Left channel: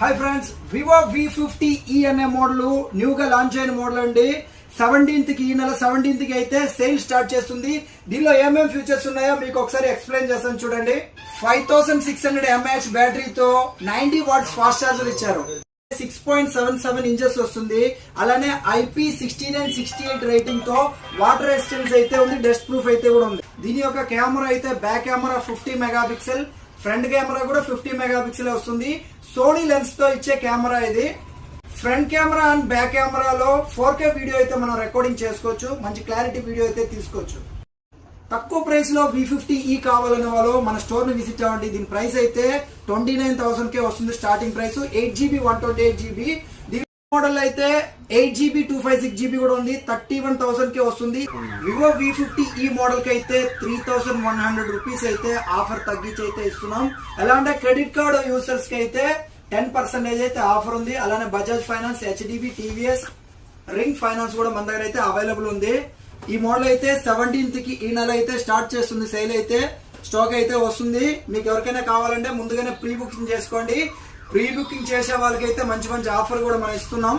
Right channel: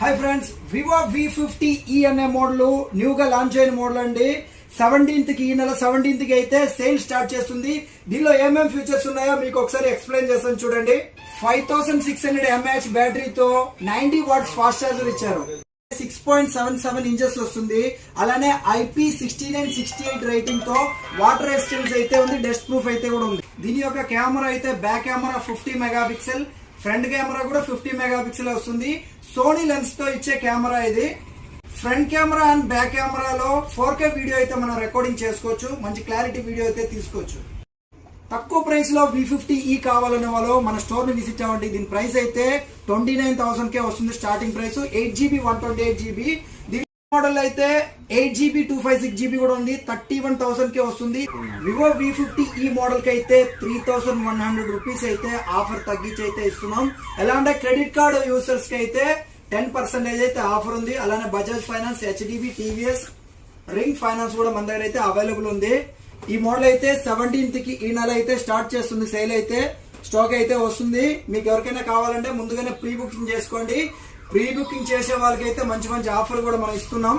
Hi friends, Vivo V50e అనే model న్యూగా launch అయిన మోడల్ అండి. 17th కి ఈ నెల 17th కి అయితే సేల్ స్టార్ట్ చేస్తుంది. దీనిలో ఏమేమి ఫీచర్స్ ఉన్నాయో మీకు ఒకసారి ఎక్స్ప్లెయిన్ చేస్తాను చూడండి. 5600 mAh బ్యాటరీతో 90 వాట్స్ ఫాస్ట్ ఛార్జర్ ఇచ్చారు. 6.77 ఇంచెస్ వస్తుంది. అలానే IP6968 రేటింగ్ తో వాటర్ రెసిస్టెన్స్ అయితే ఉంది, డస్ట్ ప్రూఫ్ అయితే కూడా ఉంది. దీని యొక్క కెమెరా అయితే back camera 50 megapixel, front camera కూడా 50 మెగాపిక్సెల్ వస్తుంది. సోనీ లెన్స్ తో ఇచ్చే కెమెరా ఇది. ఫ్రంట్ కెమెరా అండ్ బ్యాక్ కెమెరాలో 4K వీడియో అయితే మనం రికార్డింగ్ చేసుకోవచ్చు. మంచి క్లారిటీ వీడియో అయితే తీసుకోవచ్చు. తక్కువ ప్రైస్ లో V50e కావాలనే వాళ్ళు మన స్టోర్ ని విజిట్ అవ్వండి. దీని ప్రైస్ అయితే 29,000 కే వస్తుంది. Starting price 8GB 128GB. దీని మోడల్ అయితే 8GB 256GB కూడా ఉంది. 31,000 కే వస్తుంది. వివో V50e మోడల్ కి అయితే 3,100 రూపీస్ అయితే ఆఫర్ తగ్గించి అయితే ఇస్తున్నాం. ఎలా అంటే క్రెడిట్ కార్డ్ యూజర్స్ కి అయితే 10% అయితే ఆఫర్ ఉంది. అలానే Bajaj finance, HDB, TVS, ring finance కూడా మన దగ్గర అయితే అవైలబుల్ ఉంది. ఈ మోడల్ అయితే 17th కి ఈ నెల అయితే స్టార్ట్ చేస్తుంది. సేల్ అయితే స్టాక్ అయితే వస్తుంది. మీకు ఎవరికైనా కావాలంటే ముందుగానే ప్రీ బుకింగ్ చేసుకోండి. ప్రీ బుకింగ్ చేసే వాళ్ళకైతే మంచి మంచి ఆఫర్ కూడా మనం ఇస్తున్నాం.